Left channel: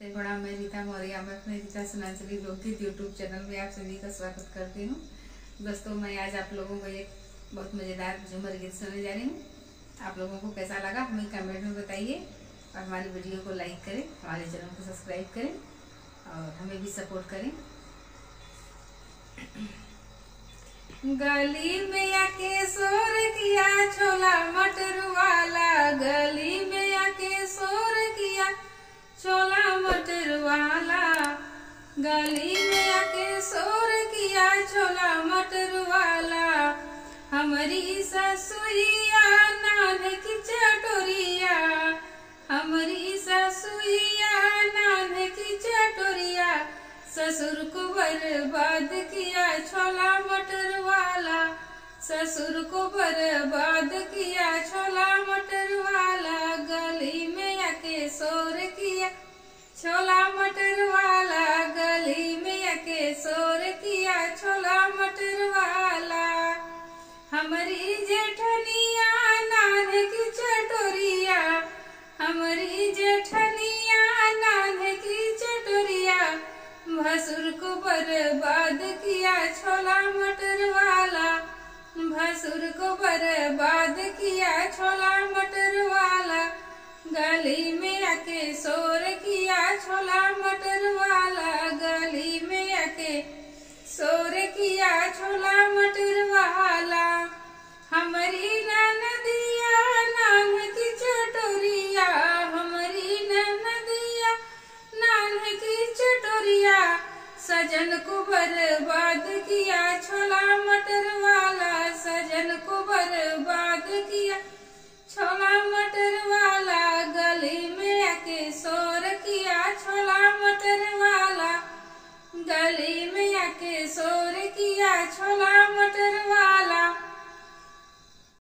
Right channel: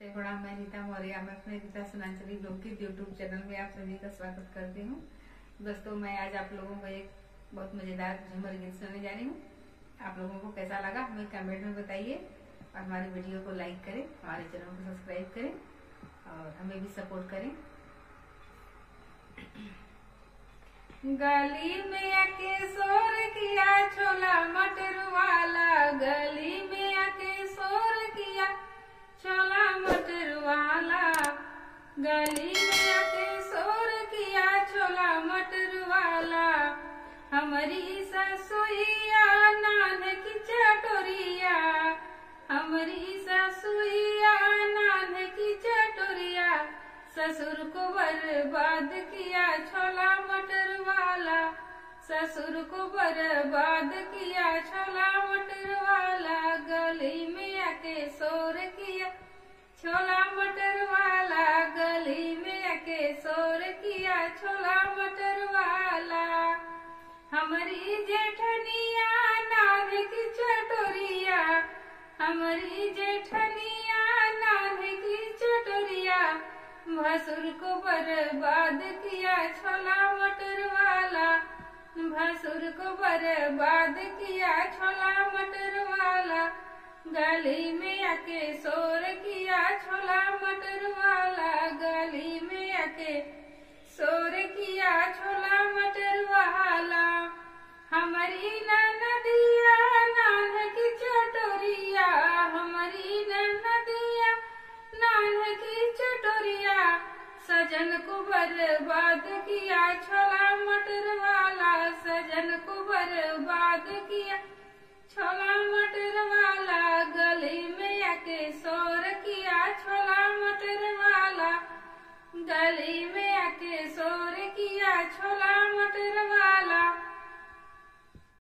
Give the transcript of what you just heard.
प्रणाम, मैं रीता मौर्य। मैं अपने रीता सुनांचली लोकगीत यूट्यूब चैनल में आप सभी का स्वागत करती हूँ। दोस्तों, मैं आज आप लोगों को एक बहुत मज़ेदार झूमर गीत सुनाने जा रही हूँ। आप लोगों को कैसा लगा हमें कमेंट में बताइए और हमारी वीडियो को लाइक करें, हमारे चैनल को सब्सक्राइब करें और हमें भी सपोर्ट करें। गली में आके शोर किया छोला मटर वाला, गली में आके शोर किया छोला मटर वाला, गली में आके शोर किया छोला मटर वाला। हमारी ससुइया नान की चटोरिया, हमारी ससुइया नान की चटोरिया, ससुर को बर्बाद किया छोला मटर वाला, ससुर को बर्बाद किया छोला मटर वाला। गली में आके शोर किया छोला मटर वाला, गली में आके शोर किया छोला मटर वाला। हमारी जेठनिया नान की चटोरिया, हमारी जेठनिया नान की चटोरिया, भसुर को बर्बाद किया छोला मटर वाला, भसुर को बर्बाद किया छोला मटर वाला। गली में आके शोर किया छोला मटर वाला, गली में आके शोर किया छोला मटर वाला। हमारी ननदिया नान की चटोरिया, हमारी ननदिया नान की चटोरिया, सजन को बर्बाद किया छोला मटर वाला, सजन को बर्बाद किया छोला मटर वाला। गली में आके शोर किया छोला मटर वाला, गली में आके शोर किया छोला मटर